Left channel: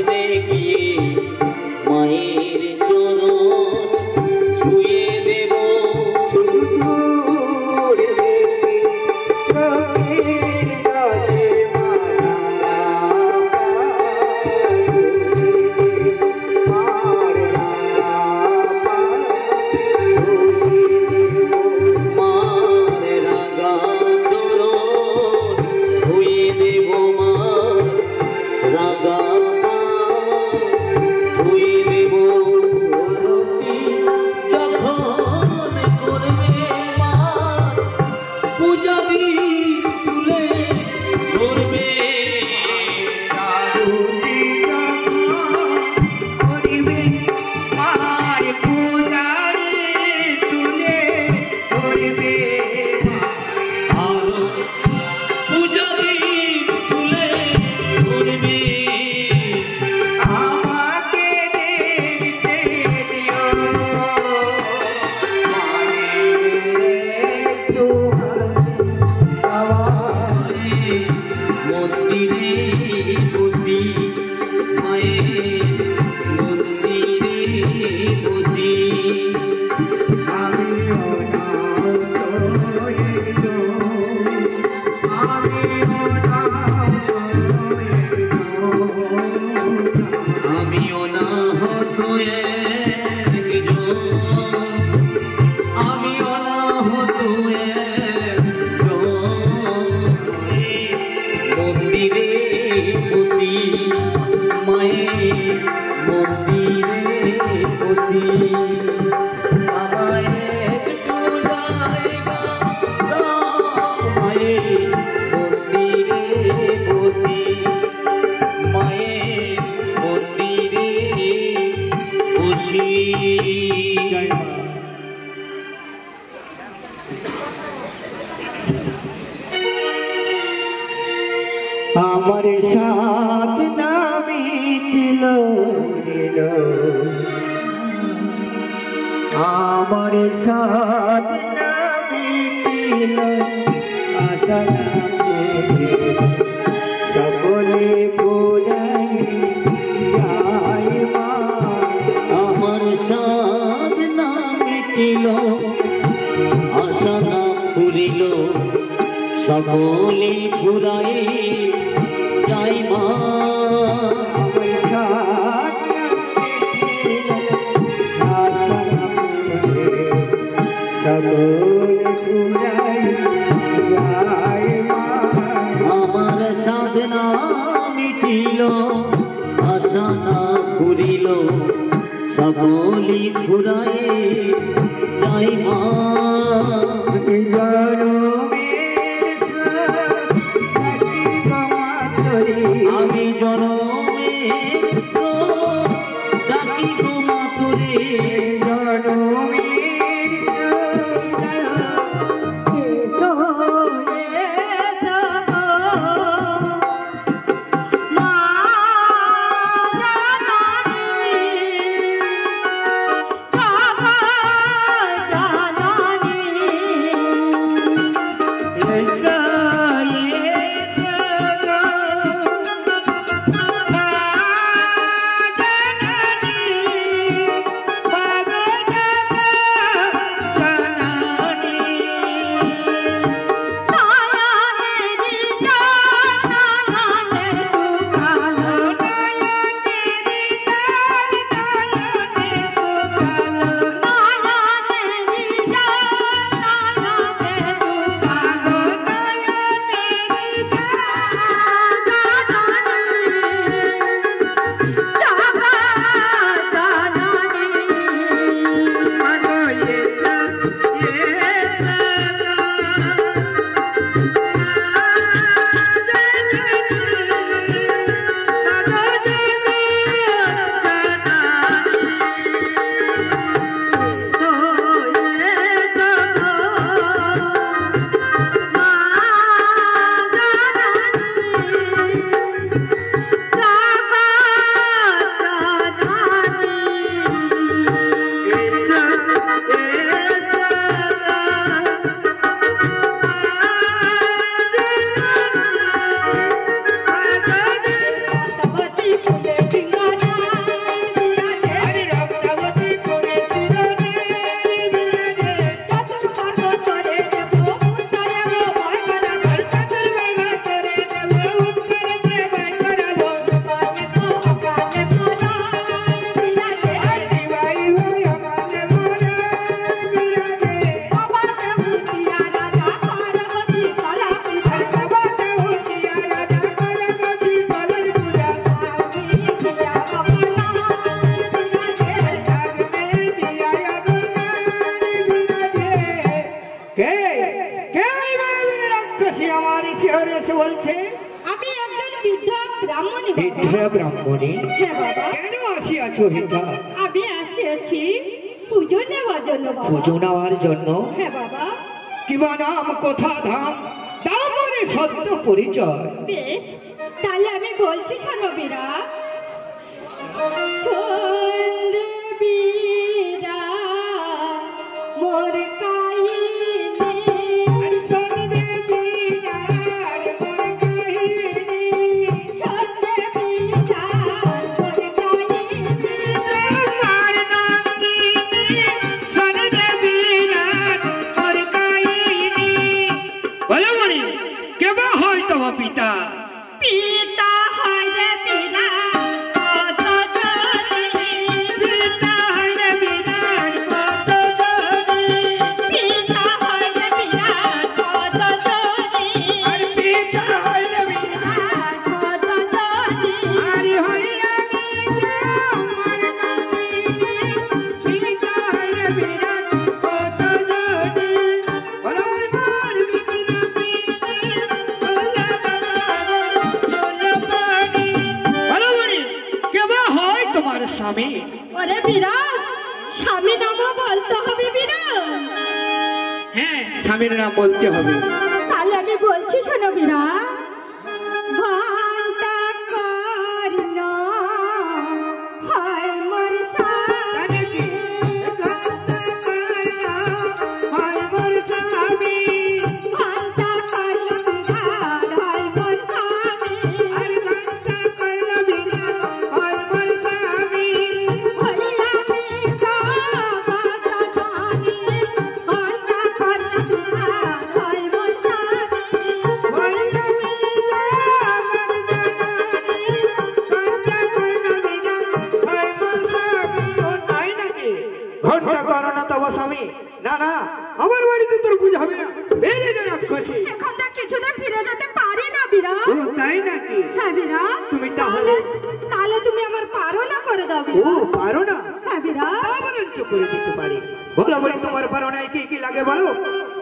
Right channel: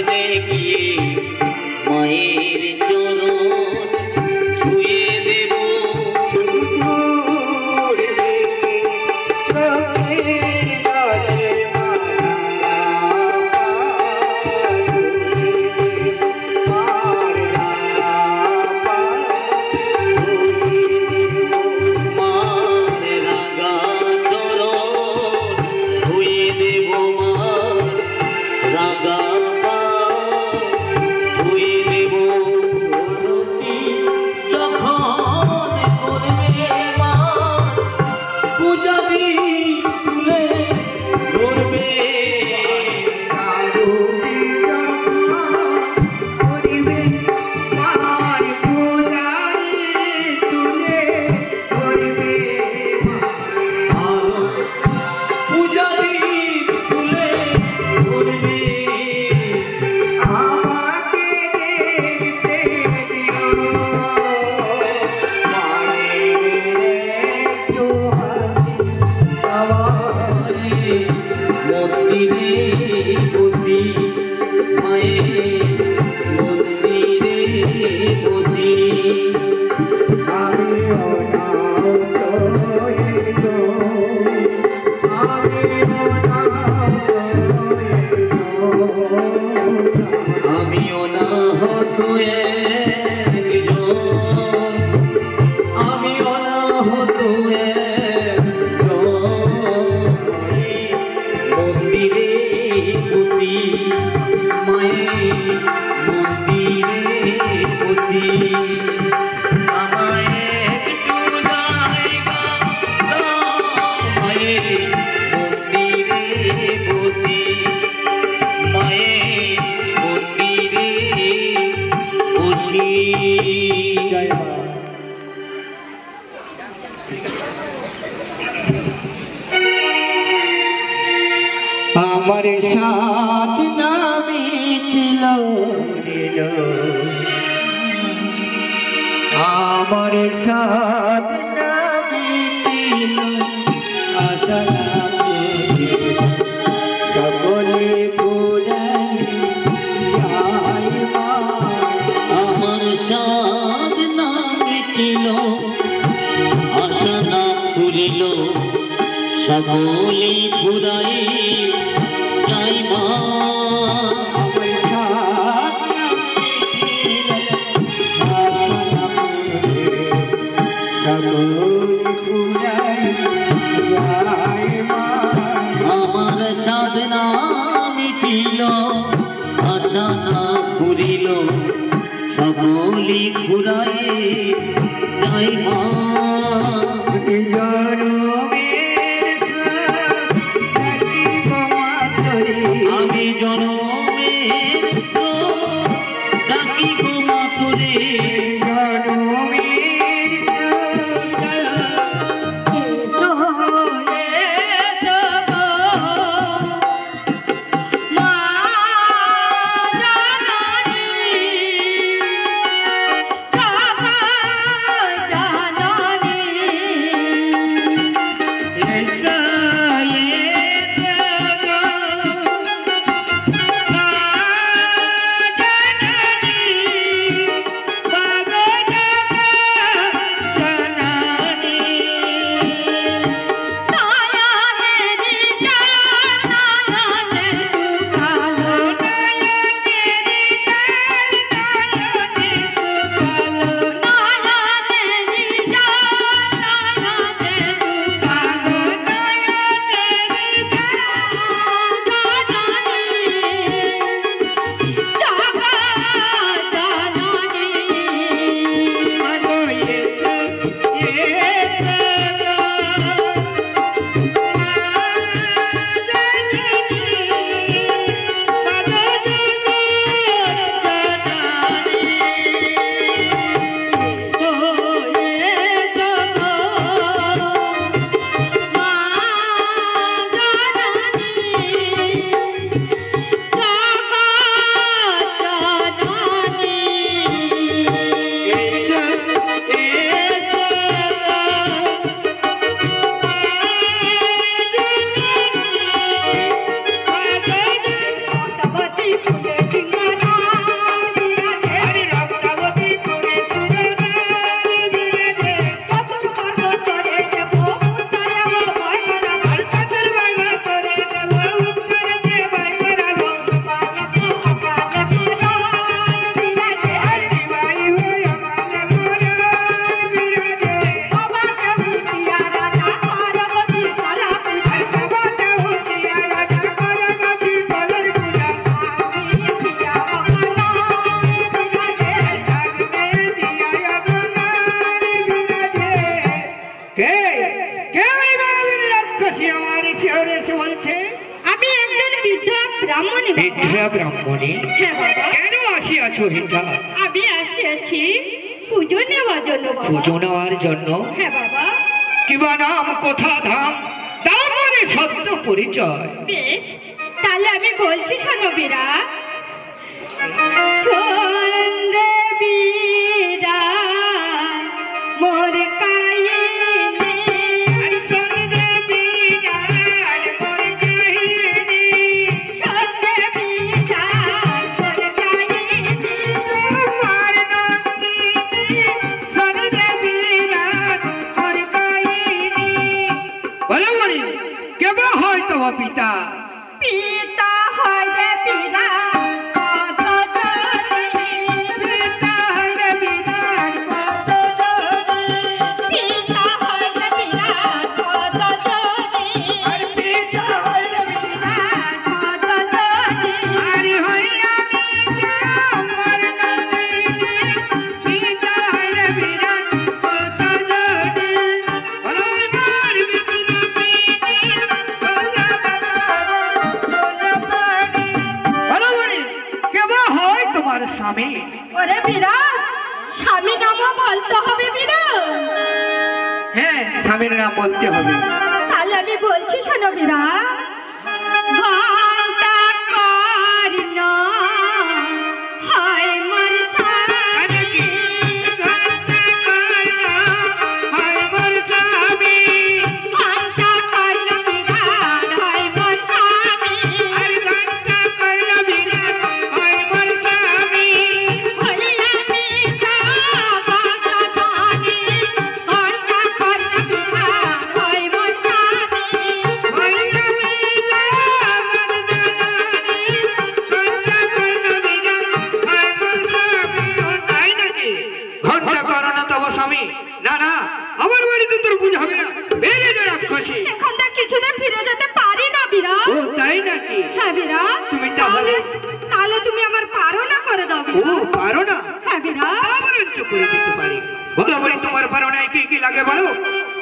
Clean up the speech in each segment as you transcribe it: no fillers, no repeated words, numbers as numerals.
করবে গিয়ে মায়ের চরণ ছুঁয়ে দেব আমার সাথ না মিটিল আমার সাথ না মিটিল আশা সকলে আমার সাধ না মিটিল আশা না পুরিল সকলেই ফুরাই যাই মা আমার সাথ না মিটিল আশা না পুরিল সকলে ফুরাই যাই মা আমার সাধ না মিটিল আশা না পুরিল সকলেই ফুরাই যাই মা আমি জনমের ডাকি গো মাতুরে ব্রাহ্মণী বাবা। বিদ্যা ব্রাহ্মণী, হ্যাঁ বাবা। কেন আসিয়াছো বিদ্যা? আমি আসিয়াছি পুজো নেওয়ার জন্য বাবা। পুজো নেওয়ার জন্য? হ্যাঁ বাবা। কিবা নাম, কোথা, ধাম, তারপরে সত্য পরিচয়। বেশ, তাহলে আমি বলছি শোনো বীরা। সন্ধে বীরা মোর কাহিনী, সন্ধে বীরা মোর কাহিনী, সন্ধে বীরা মোর কাহিনী, তোমার নামে সন্ধে বীরা মোর কাহিনী। বলো মনি, কেবা হয় তোমার পিতা? পিতা হয় রে বিরাট কত জনি, পিতা হয় রে বিরাট কত জনি, পিতা হয় রে বিরাট কত জনি, পিতা হয় রে বিরাট কত জনি, আরে হইয়া আমার নামে, পিতা হয় রে বিরাট কত জনি, বলো বলো মনি, কেবা হয় তোমার স্বামী? ওরে বিরাট, স্বামী নামও বলতে হবে বিরাট। হ্যাঁ, স্বামীর নাম বলতে হবে। তাহলে আমি বলছি শোনো বিরাট। ঘন্টা কর্ণ হয় মোর স্বামী, ঘন্টা কর্ণ হয় মোর স্বামী, ঘন্টা কর্ণ বিরাট হয় মোর স্বামী, ঘন্টা কর্ণ বিরাট হয় মোর স্বামী, হইয়া পিতা ভগবানী, ঘন্টা কর্ণ বিরাট হয় মোর স্বামী, হইয়া পিতা ঘন্টা করো না তব স্বামী। না না, আমার বাড়িতে তোর পূজা হবে না, বেরিয়ে যা রাক্ষসী। এখন তো কিছুদিন ফিরে যেতে পারি না বিরাট। ও তাই নাকি? হ্যাঁ বিরাট। তুমি তাহলে? তাহলে তুমি আমার পারনা করে দাও ও বিরাট। পারো না? হ্যাঁ বিরাট। বরঞ্চ করে দিতে পারি। বলো বলি, তোমার পারো না কি কি লাগে বলো।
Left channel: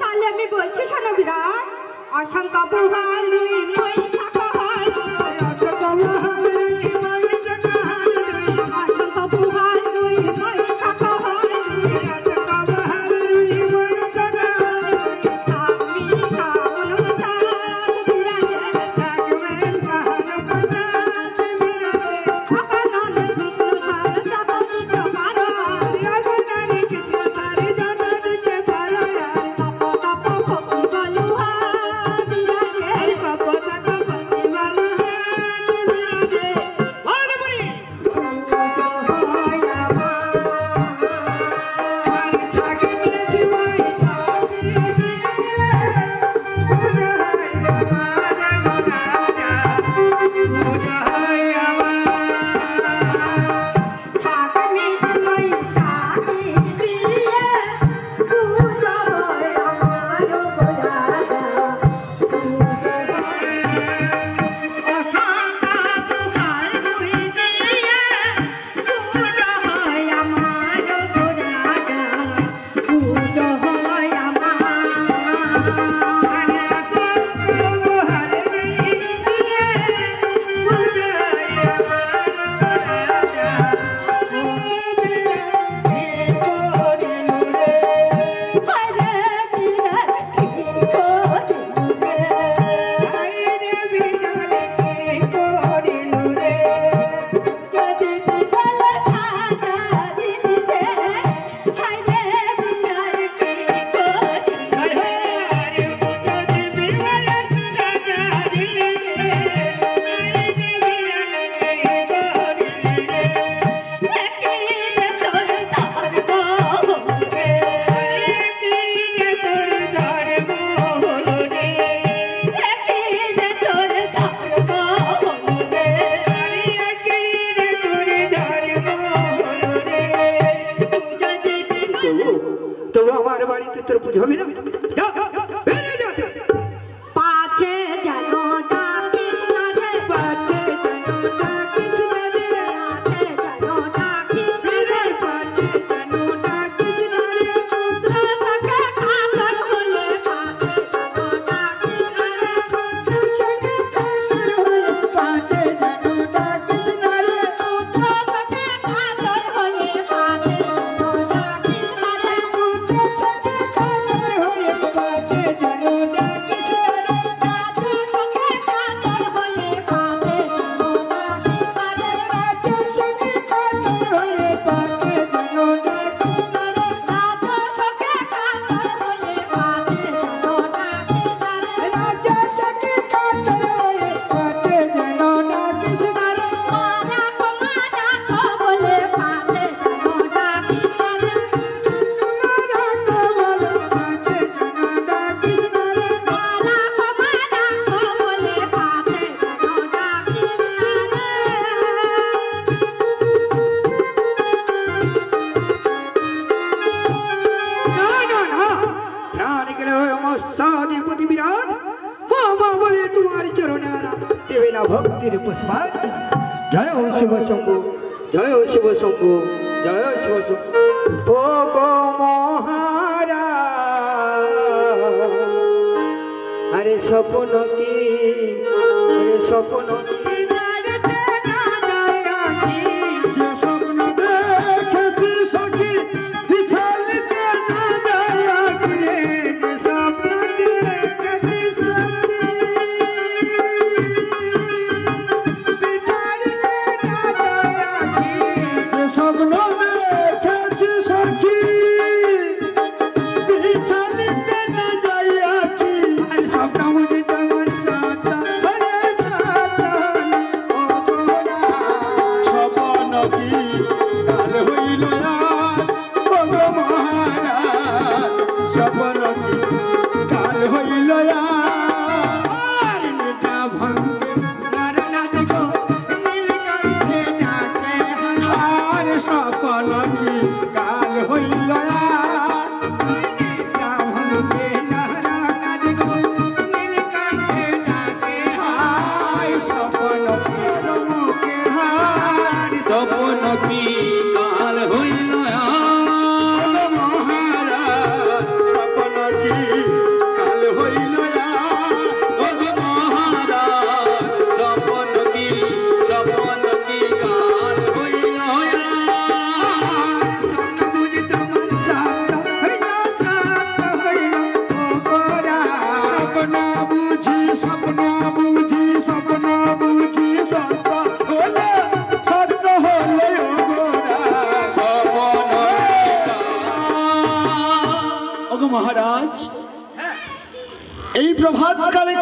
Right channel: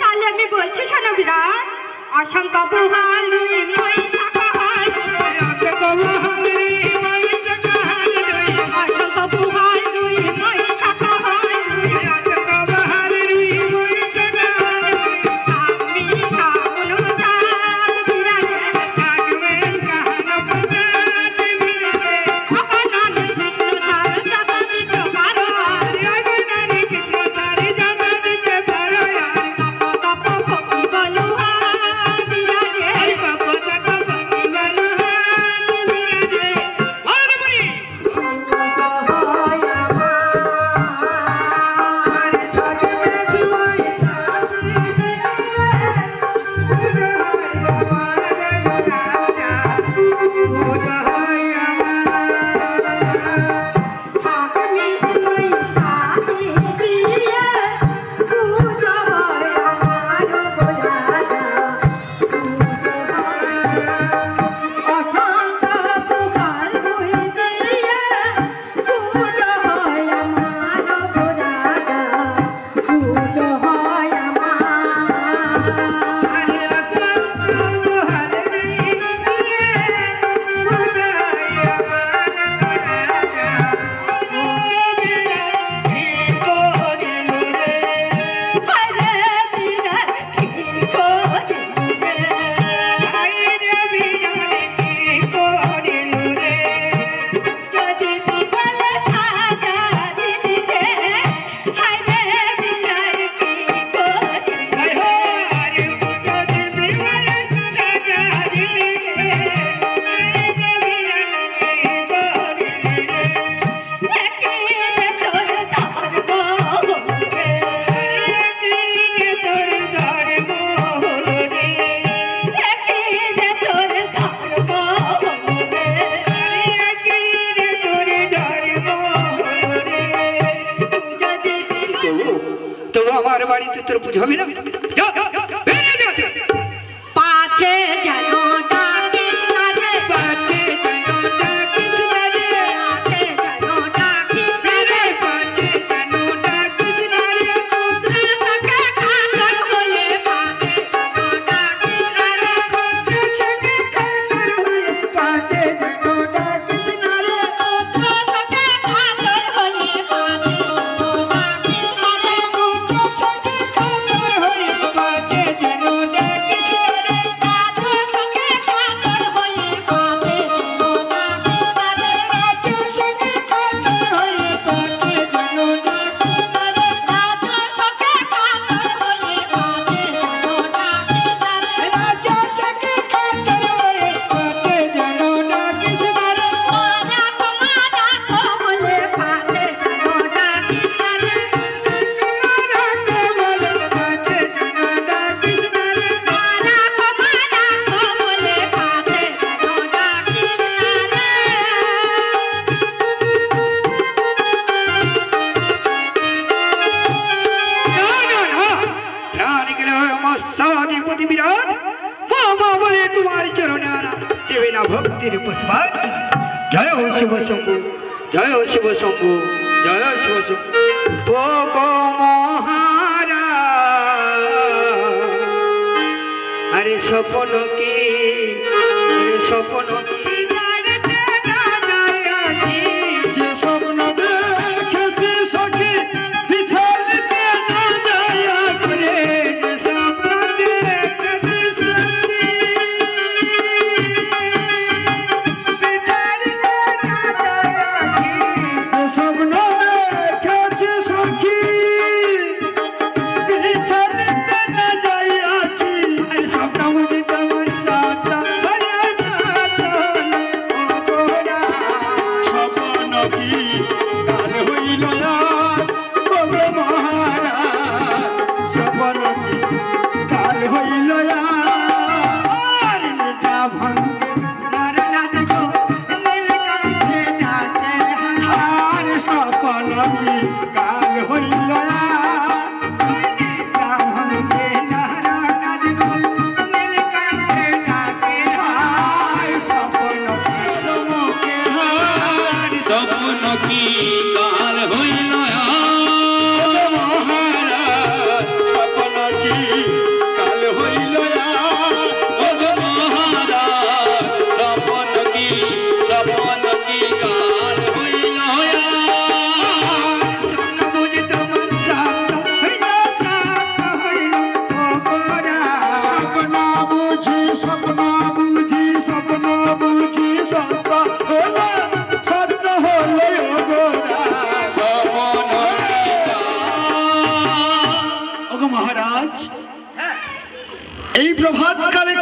তাহলে আমি বলছি শোনো বিরাট। অসংখ্য পুহাল রুই মই শাখা হাল, অসংখ্য পুহাল রুই মই শাখা হাল, অসংখ্য পুহাল রুই মই শাখা হাল, অসংখ্য পুহাল রুই মই শাখা হাল, আমি কামনু জাত বিরাট, কামে কাহানো পজাত বিরাট, অপনানে কৃষ্ণ তার জাত দিতে পারো, অপনানে কৃষ্ণ তার জাত দিতে পারো, বাড়িতে তোর পুজো হবে না? যা বেরিয়ে যা। পাছে যেন ডাকিস না রে, পাছে যেন ডাকিস না রে, পাছে যেন ডাকিস না রে, পাছে যেন ডাকিস না রে, পুত্র সখে খাতর হলে পাছে যেন ডাকিস না রে, পুত্র সখে খাতর হলে পাছে যেন জয় ও শিব শম্ভু, জয় ও শিব শম্ভু, জয় ও শিব শম্ভু। ও গো মহারাজ, আরে স্বপ্ন কি, আরে স্বপ্ন কি,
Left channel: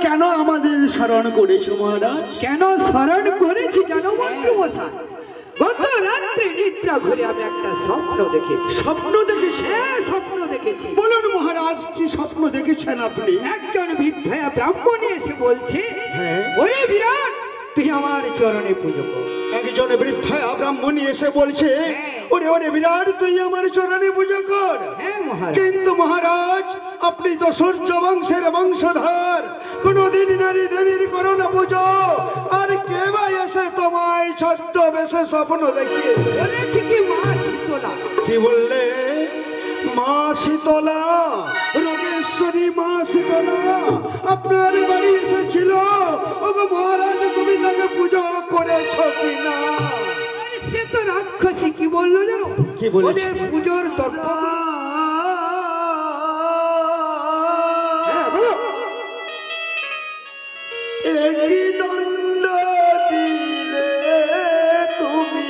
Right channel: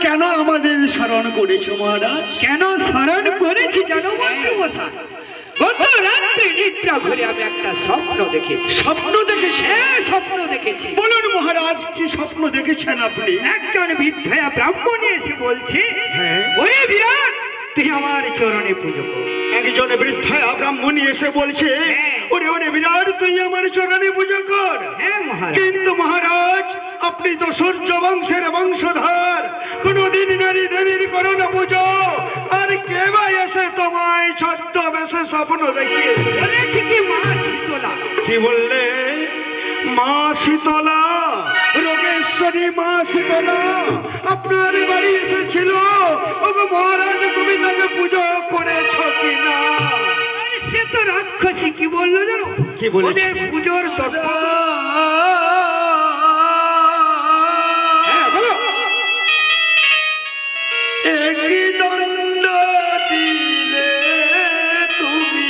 কেন আমাদের স্মরণ করেছো মহারাজ? কেন স্মরণ করেছি জানো মন্ত্রীমশাই? গত রাত্রে নিদ্রা ঘরে আমি একটা স্বপ্ন দেখেছি। স্বপ্ন দেখেছি? হ্যাঁ, স্বপ্ন দেখেছি। বলুন মহারাজ, কি স্বপ্ন দেখেছেন আপনি? একজন বৃদ্ধয়া ব্রাহ্মণ এসে বলছে, ওরে বিরাট, তুই আমার চরণে পুজো কর। একজন বৃদ্ধয়া ব্রাহ্মণ এসে বলছে, ওরে ওরে বিরাট, তুই আমার চরণে পুজো কর। হ্যাঁ মহারাজ। কিন্তু মহারাজ, আপনি তো সূর্য বংশের বংশধর, কোনদিন নারী দেবীর করো না পুজো, আর কে বা এসে তোমায় ছদ্মবেশে স্বপ্ন দেখিয়ে বলেছি কি মা শীতলা। কি বললে? মা শীতলা, রোগেশ্বরী মা শীতলা আপনার বাড়ি এসেছিল। ওগো মহারাজ, তুমি তাকে পুজো করেছ কিনা? সে তো রাক্ষসী। কি বললো জানো? কি বলেছে? ওদের পুজোর তত্ত্ব একই দণ্ড দিলে তুমি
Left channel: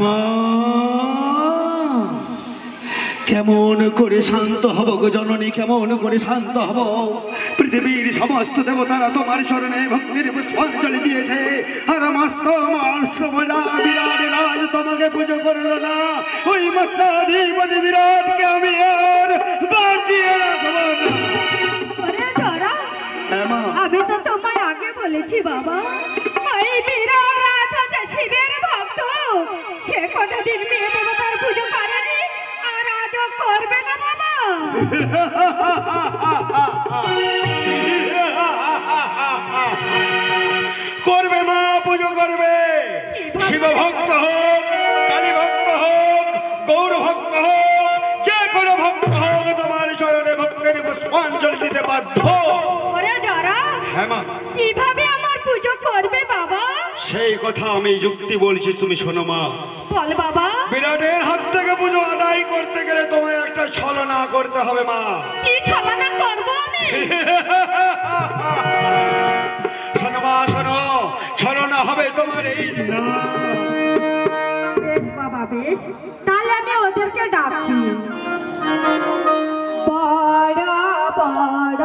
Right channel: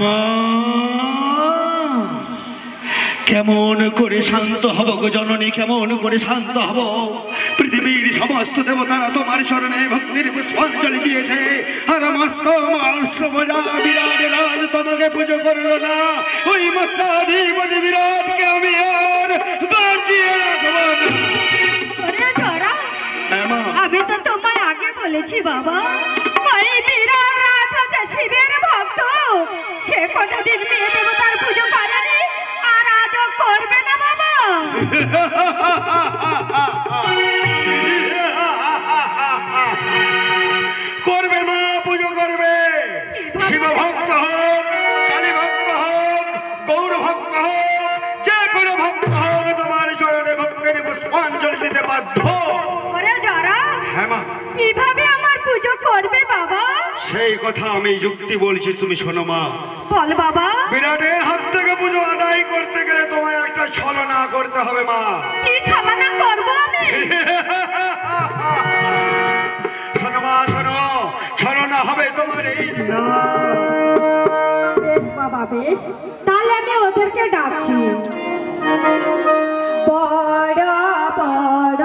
মা কেমন করে শান্ত হব গো জননী, কেমন করে শান্ত হব? পৃথিবীর সমস্ত দেবতারা তোমার স্মরণে ভক্তির পুষ্পাঞ্জলি দিয়েছে, আর বিরাট রাজ তোমাকে পুজো করলো না। ওই মস্তাধিপতি বিরাটকে আমি আর বাঁচিয়ে রাখবো না। ওরে জরা, আমি তো তোমায় আগে বলেছি বাবা, ওই বিরাট রাজ হচ্ছে শিবের ভক্ত, সে কোনোদিন মেয়ে দেবতার পুজো করেনি আর আজও করবে না বাবা। করবে মা, পুজো করবে। শিব ভক্ত হোক, কালী ভক্ত হোক, গৌর ভক্ত হোক, যে কোনো ভক্ত হোক তোমার চরণে ভক্তের পুষ্পাঞ্জলি দিতে বাধ্য। ওরে জরা, হ্যাঁ মা, কিভাবে আমার পুজো করবে বাবা? সেই কথা আমি যুক্তি বলছি, তুমি শোনো মা। বল বাবা। বিরাটের হাত থেকে পুজো আদায় করতে গেলে তোমায় একটা ছলনা করতে হবে মা। কি ছলনা করবো আমি? শোনো মা, শোনো, ছলনা হবে তোমার এই না। বেশ বাবা, বেশ, তাহলে আমি ওদেরকে ডাকছি। বড় বড়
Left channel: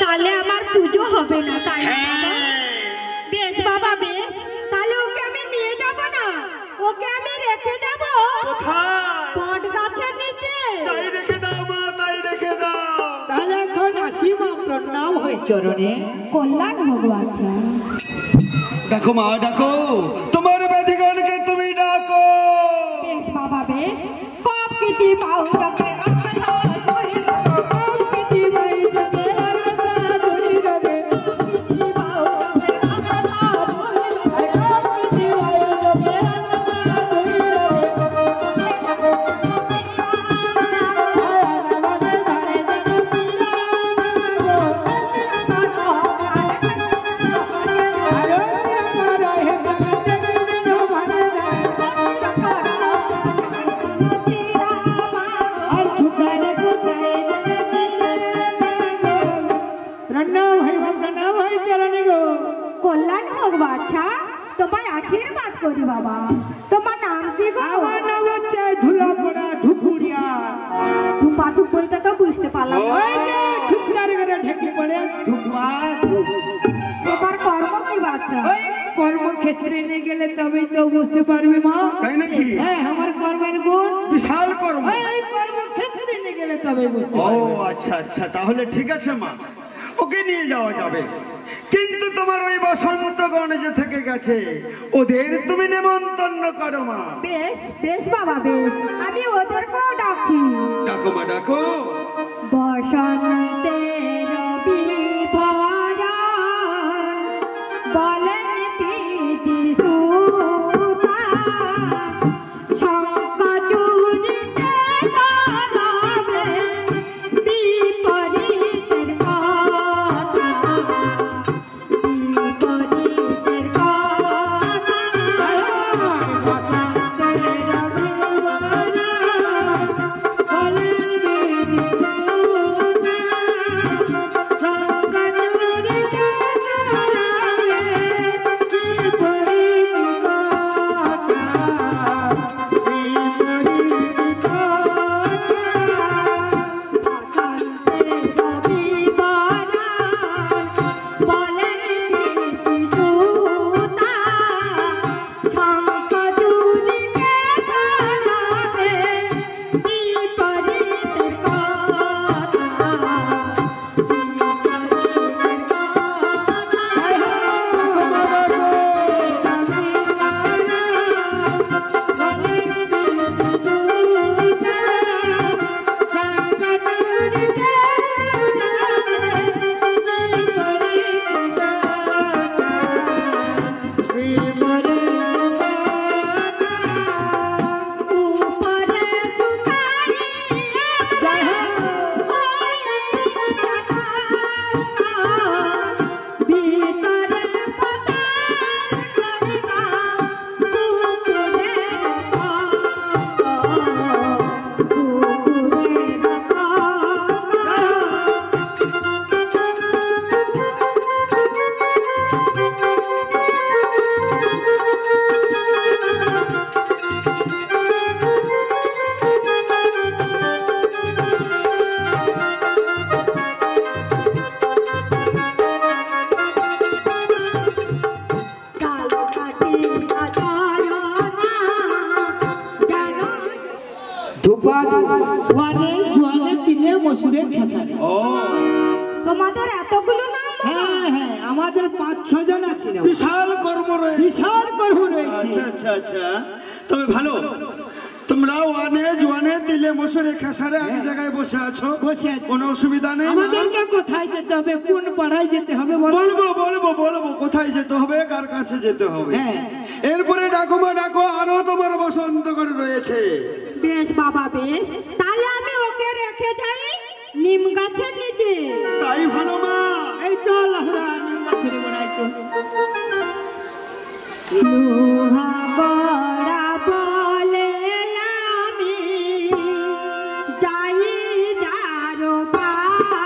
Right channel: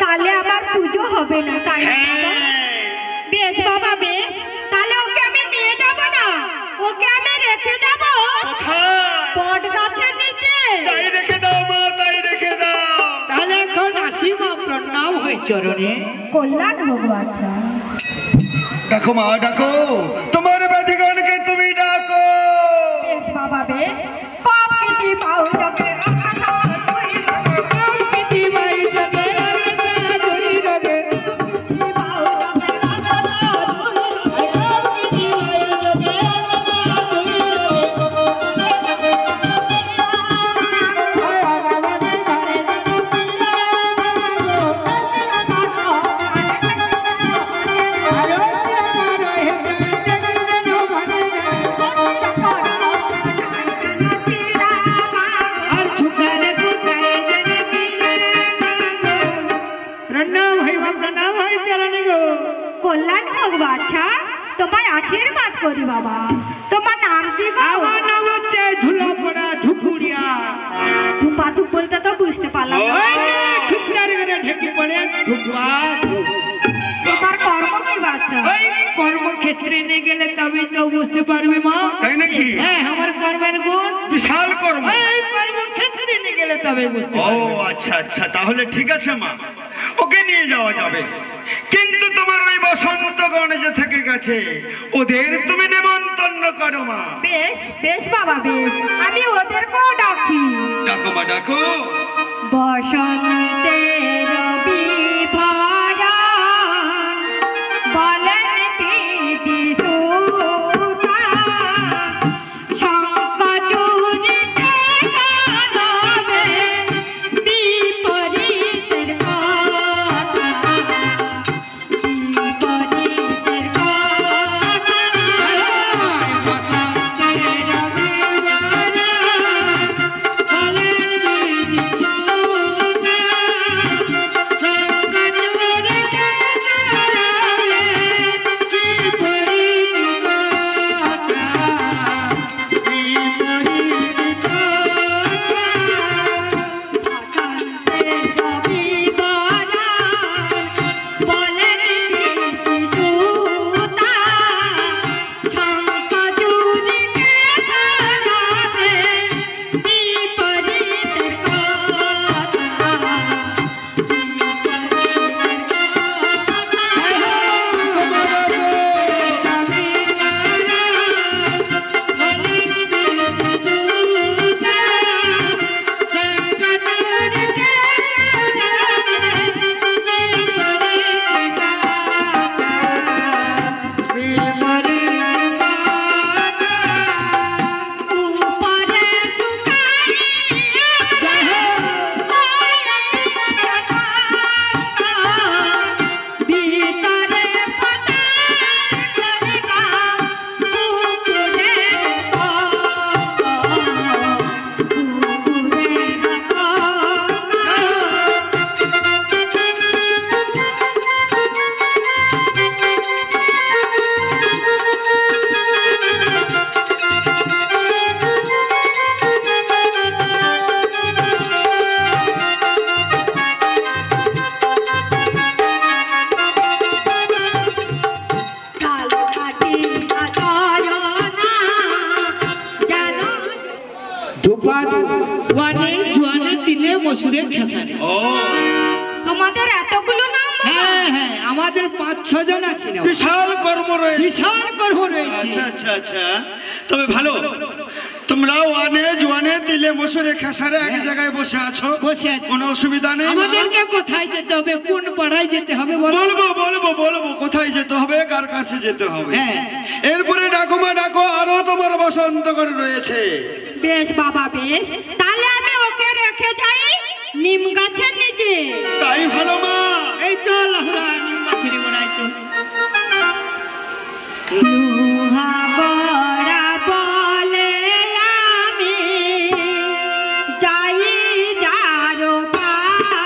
তাহলে আমার পুজো হবে না, তাই না? বেশ বাবা, বেশ, তাহলে ওকে আমি নিয়ে যাব না, ওকে আমি রেখে যাব বট গাছের নিচে। তাই রেখে দাও মা, তাই রেখে দাও। তাহলে এখন আসি মা, প্রণাম হয়ে চরণে। কল্যাণ ভগবান। ডাকো মা, ডাকো, তোমার বাদিগণকে তুমি ডাকো। বেশ বাবা, বেশ, পাপ কেটে পাও যাবে কল্যাণ ভগবান। তোমায় আশীর্বাদ করি বাবা। তোমার নাম কি? আমার নাম হচ্ছে ধুলাপড়া ধুপুরিয়া। ধুপাধু বলতে তো বুঝতে পারলাম না। ঢেকে পড়ে তোমার কর্ম কি বাচ্চা? কর্মক্ষেত্রে নিয়ে গেলে তবে তো বুঝতে পারবি মা। তাই নাকি? হ্যাঁ, আমার কর্মের গুণ বিশাল কর্ম। কর্মক্ষেত্রে নিয়ে গেলে তবে বুঝতে ও পারবি। আচ্ছা আচ্ছা, তাহলে ঠিক আছে মা, ওকে নিয়ে যাওয়া যাবে। কিন্তু তোমার ওই বসন্তগণ যে থেকে গেছে, ওদের তুমি নেমন্তন্ন করো মা। বেশ বেশ বাবা, বেশ, আমি ওদেরকেও ডাকি। ডাকো মা, ডাকো। বসন্তের বিভরা বলেন প্রীতি সুতা, শঙ্খচূড়িতে গাবে বিপরীতের কথা, বিপরীতের কথা। বসন্তের বিভরা ওয়ানে জোয়ানে তিলে মসুরে খেসারে। ও তোমাদের এতগুলো নাম বলো? হ্যাঁ হ্যাঁ, আমাদের 5-6 জন আছে না, বিশাল কর্ম রয়েছে। বিশাল গর্ব রয়েছে। আচ্ছা আচ্ছা আচ্ছা, তবে ভালো, তোমরা ওয়ানে জোয়ানে তিলে মসুরে খেসারে এক জায়গায় বসে আছো, বসে আছে। কোনো অসুবিধা নেই। আমাদেরকে কোথায় যেতে হবে, কোন পাড়ায় যেতে হবে বলো? বলবো বলবো বলবো কোথায় যেতে হবে, কার কাছে যেতে হবে। হ্যাঁ। এরপরে ডাকো মা ডাকো, আরো তোমার বসন্ত করে রয়েছে। বেশ বাবা বেশ, তাহলে আমি ওকে রেখে যাই নিম গাছের নিচে। তাই ভালো মা। এই চল আমরা নিম গাছের গোড়ায় চল। লোহা গড়া বলে আমি যাই যারো পাড়া,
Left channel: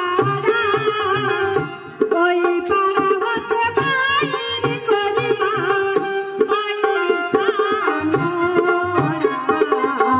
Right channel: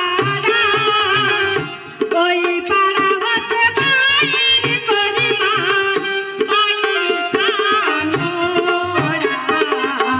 ওই পাড়া হতে বাইর করি মা পয়সা মোরা, পয়সা মোরা।